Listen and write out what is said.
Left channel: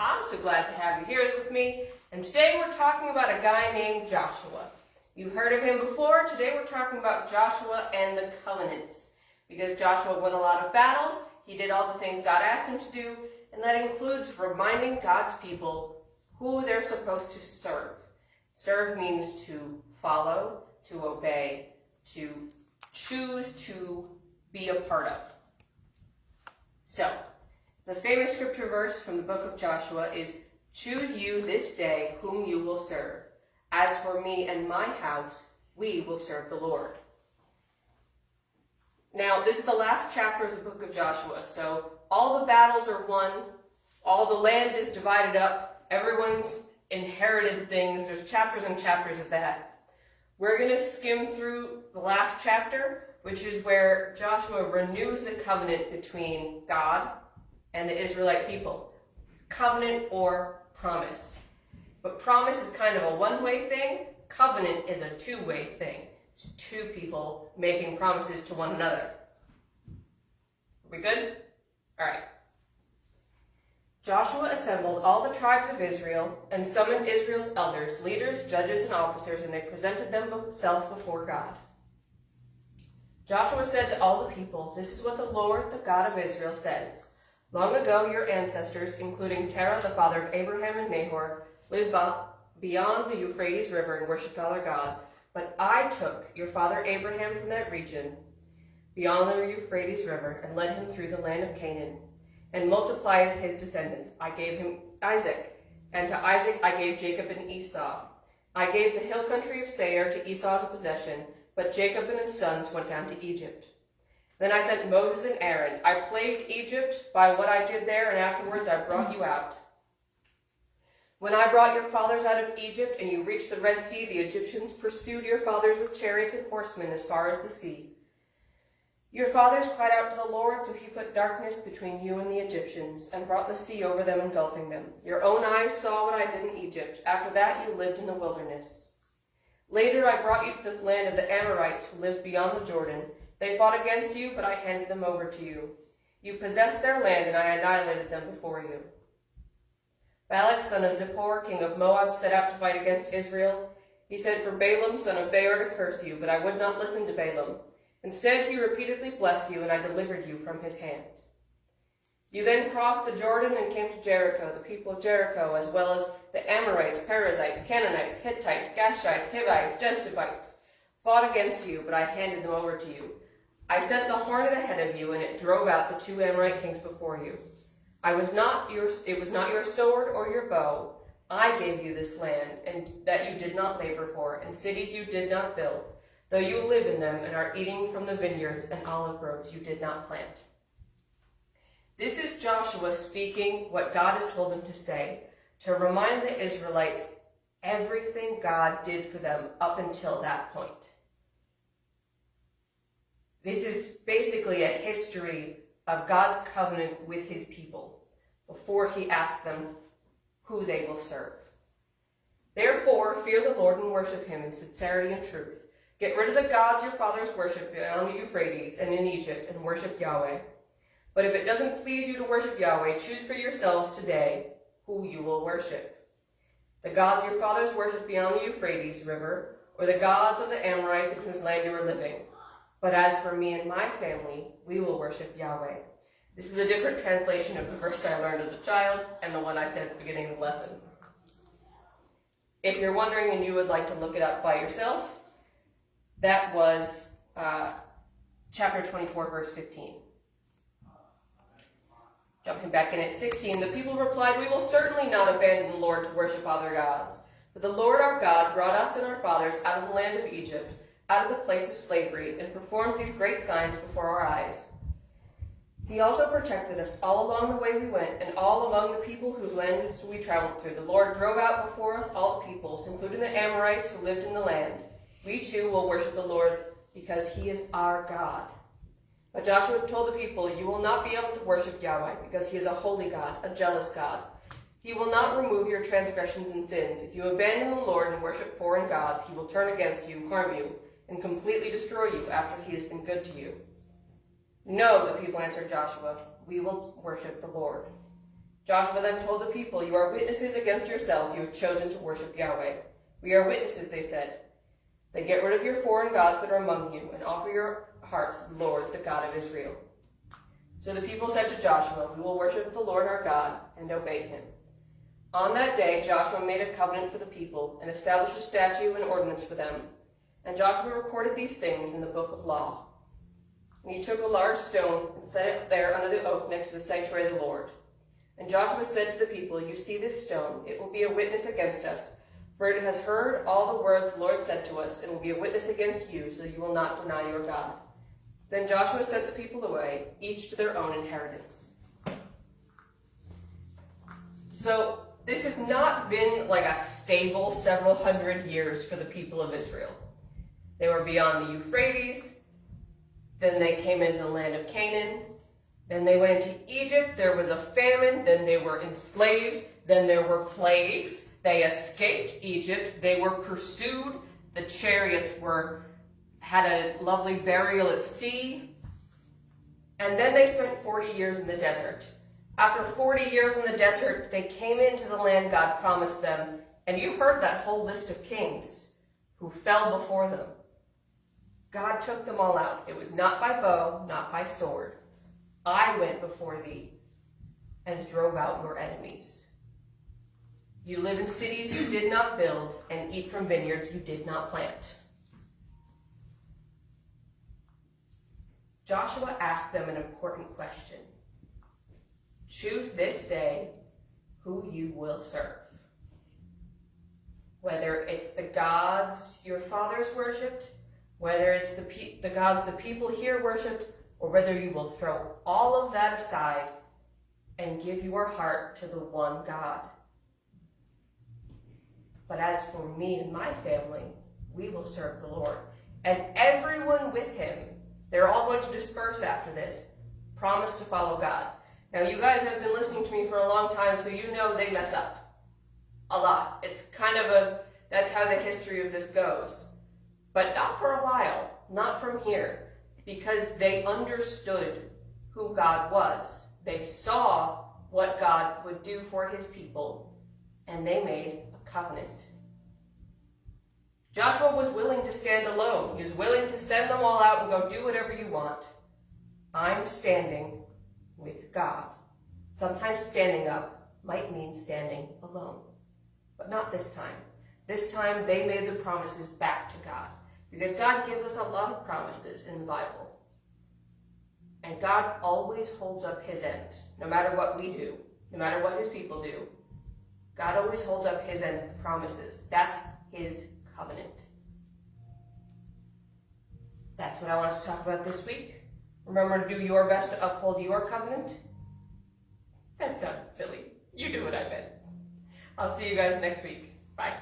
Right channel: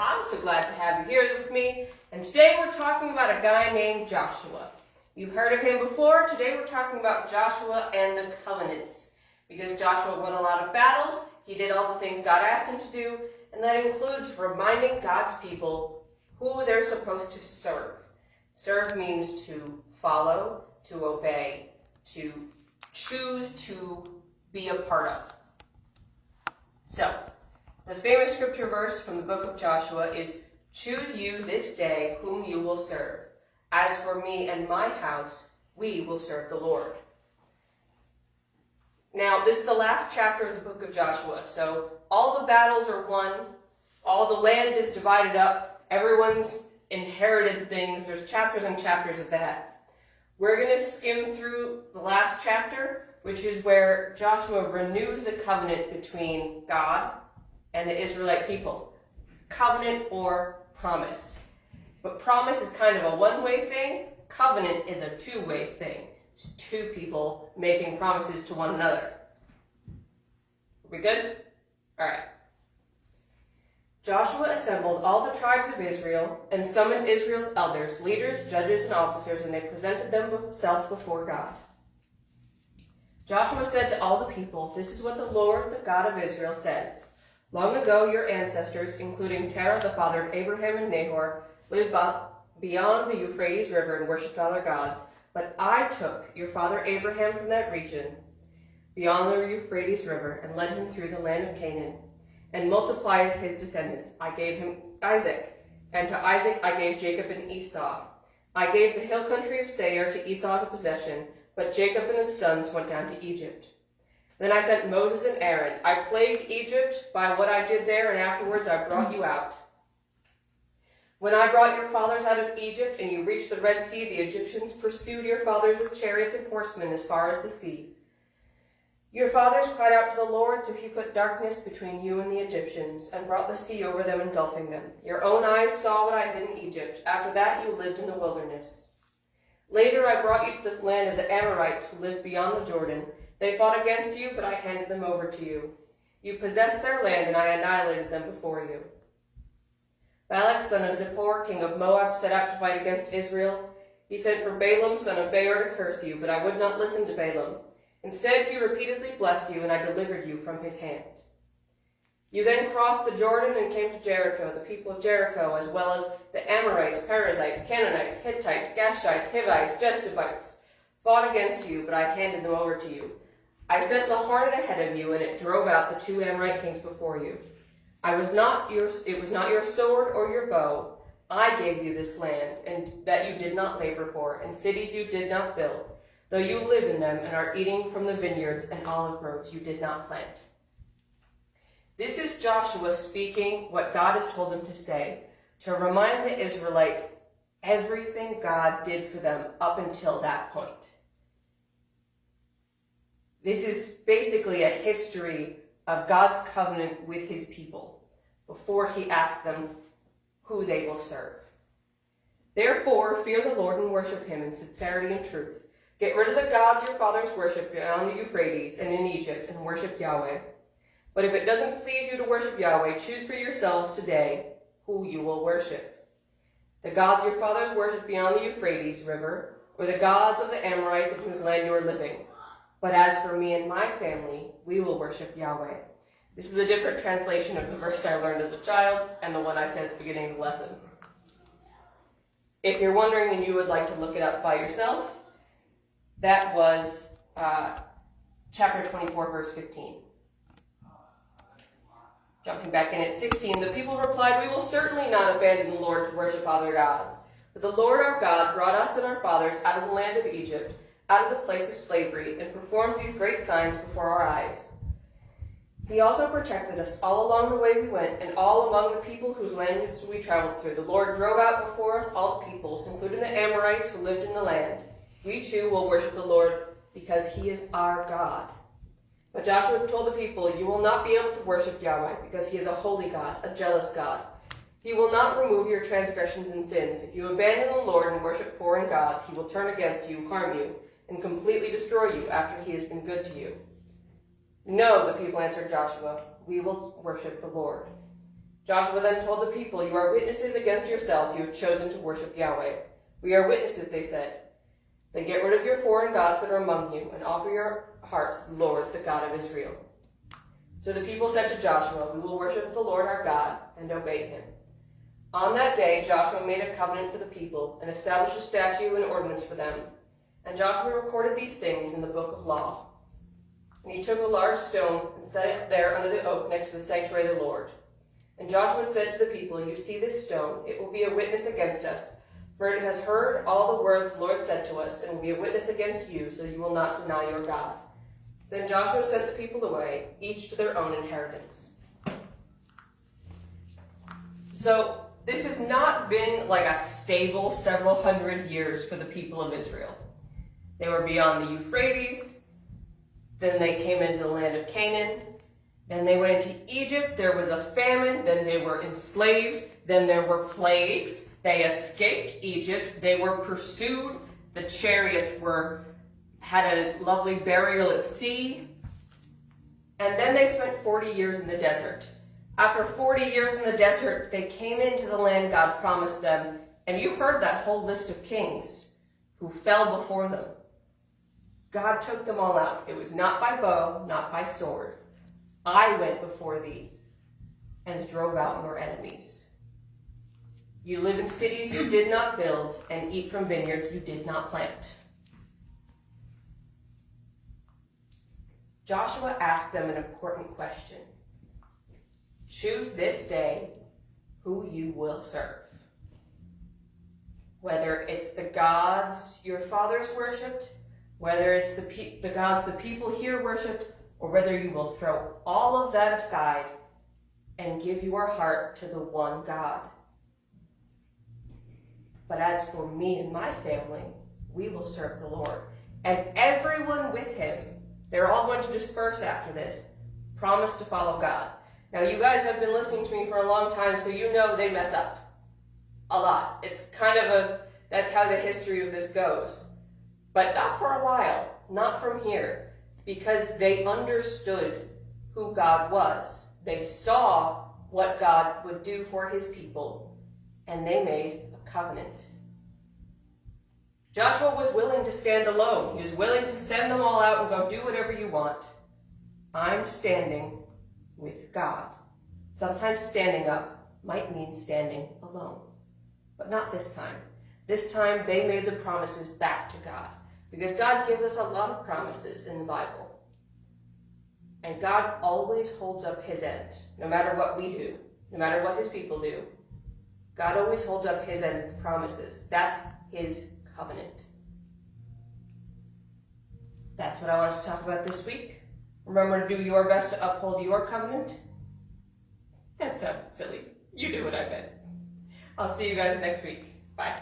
I'm so glad to have you here with me. And today we're talking about a guy named Joshua. You've heard of him before. Today we're talking about Joshua and the covenants. Because Joshua won a lot of battles, he did all the things God asked him to do, and that includes reminding God's people who they're supposed to serve. Serve means to follow, to obey, to choose to be a part of. So, the famous scripture verse from the book of Joshua is, "Choose you this day whom you will serve. As for me and my house, we will serve the Lord." Now, this is the last chapter of the book of Joshua, so all the battles are won, all the land is divided up, everyone's inherited things, there's chapters and chapters of that. We're going to skim through the last chapter, which is where Joshua renews the covenant between God and the Israelite people. Covenant or promise. But promise is kind of a one-way thing. Covenant is a two-way thing. It's two people making promises to one another. Are we good? All right. Joshua assembled all the tribes of Israel and summoned Israel's elders, leaders, judges, and officers, and they presented themselves before God. Joshua said to all the people, "This is what the Lord, the God of Israel, says. Long ago, your ancestors, including Terah, the father of Abraham and Nahor, lived beyond the Euphrates River and worshipped other gods. But I took your father Abraham from that region, beyond the Euphrates River, and led him through the land of Canaan, and multiplied his descendants. I gave him Isaac, and to Isaac I gave Jacob and Esau. I gave the hill country of Seir to Esau as a possession, but Jacob and his sons went down to Egypt. Then I sent Moses and Aaron. I plagued Egypt by what I did there, and afterwards I brought you out. When I brought your fathers out of Egypt, and you reached the Red Sea, the Egyptians pursued your fathers with chariots and horsemen as far as the sea. Your fathers cried out to the Lord, so he put darkness between you and the Egyptians, and brought the sea over them, engulfing them. Your own eyes saw what I did in Egypt. After that you lived in the wilderness. Later I brought you to the land of the Amorites, who lived beyond the Jordan. They fought against you, but I handed them over to you. You possessed their land, and I annihilated them before you. Balak, son of Zippor, king of Moab, set out to fight against Israel. He sent for Balaam, son of Beor, to curse you, but I would not listen to Balaam. Instead, he repeatedly blessed you, and I delivered you from his hand. You then crossed the Jordan and came to Jericho. The people of Jericho, as well as the Amorites, Perizzites, Canaanites, Hittites, Gashites, Hivites, Jebusites, fought against you, but I handed them over to you. I sent the hornet ahead of you, and it drove out the two Amorite kings before you. It was not your sword or your bow. I gave you this land, and that you did not labor for, and cities you did not build, though you live in them and are eating from the vineyards and olive groves you did not plant." This is Joshua speaking what God has told him to say, to remind the Israelites everything God did for them up until that point. This is basically a history of God's covenant with his people before he asks them who they will serve. "Therefore, fear the Lord and worship him in sincerity and truth. Get rid of the gods your fathers worshipped beyond the Euphrates and in Egypt, and worship Yahweh. But if it doesn't please you to worship Yahweh, choose for yourselves today who you will worship. The gods your fathers worshipped beyond the Euphrates River, or the gods of the Amorites in whose land you are living. But as for me and my family, we will worship Yahweh." This is a different translation of the verse I learned as a child and the one I said at the beginning of the lesson. If you're wondering and you would like to look it up by yourself, that was chapter 24, verse 15. Jumping back in at 16, the people replied, "We will certainly not abandon the Lord to worship other gods. But the Lord our God brought us and our fathers out of the land of Egypt, out of the place of slavery, and performed these great signs before our eyes. He also protected us all along the way we went, and all among the people whose lands we traveled through. The Lord drove out before us all the peoples, including the Amorites who lived in the land. We too will worship the Lord, because he is our God." But Joshua told the people, "You will not be able to worship Yahweh, because he is a holy God, a jealous God. He will not remove your transgressions and sins. If you abandon the Lord and worship foreign gods, he will turn against you, harm you, and completely destroy you after he has been good to you." "No," the people answered Joshua, "we will worship the Lord." Joshua then told the people, "You are witnesses against yourselves. You have chosen to worship Yahweh." "We are witnesses," they said. "Then get rid of your foreign gods that are among you and offer your hearts to the Lord, the God of Israel." So the people said to Joshua, "We will worship the Lord our God and obey him." On that day, Joshua made a covenant for the people and established a statute and ordinance for them. And Joshua recorded these things in the book of law. And he took a large stone and set it there under the oak next to the sanctuary of the Lord. And Joshua said to the people, "You see this stone? It will be a witness against us, for it has heard all the words the Lord said to us, and will be a witness against you, so you will not deny your God." Then Joshua sent the people away, each to their own inheritance. So this has not been like a stable several hundred years for the people of Israel. They were beyond the Euphrates, then they came into the land of Canaan, then they went into Egypt, there was a famine, then they were enslaved, then there were plagues, they escaped Egypt, they were pursued, the chariots had a lovely burial at sea, and then they spent 40 years in the desert. After 40 years in the desert, they came into the land God promised them, and you heard that whole list of kings who fell before them. God took them all out. It was not by bow, not by sword. I went before thee and drove out your enemies. You live in cities you did not build and eat from vineyards you did not plant. Joshua asked them an important question. Choose this day who you will serve. Whether it's the gods your fathers worshipped, whether it's the gods the people here worshipped, or whether you will throw all of that aside and give your heart to the one God. But as for me and my family, we will serve the Lord. And everyone with him, they're all going to disperse after this, promised to follow God. Now, you guys have been listening to me for a long time, so you know they mess up a lot. It's kind of that's how the history of this goes. But not for a while, not from here, because they understood who God was. They saw what God would do for his people, and they made a covenant. Joshua was willing to stand alone. He was willing to send them all out and go do whatever you want. I'm standing with God. Sometimes standing up might mean standing alone, but not this time. This time they made the promises back to God, because God gives us a lot of promises in the Bible. And God always holds up his end, no matter what we do, no matter what his people do. God always holds up his end of the promises. That's his covenant. That's what I want to talk about this week. Remember to do your best to uphold your covenant. That sounded silly. You knew what I meant. I'll see you guys next week. Bye.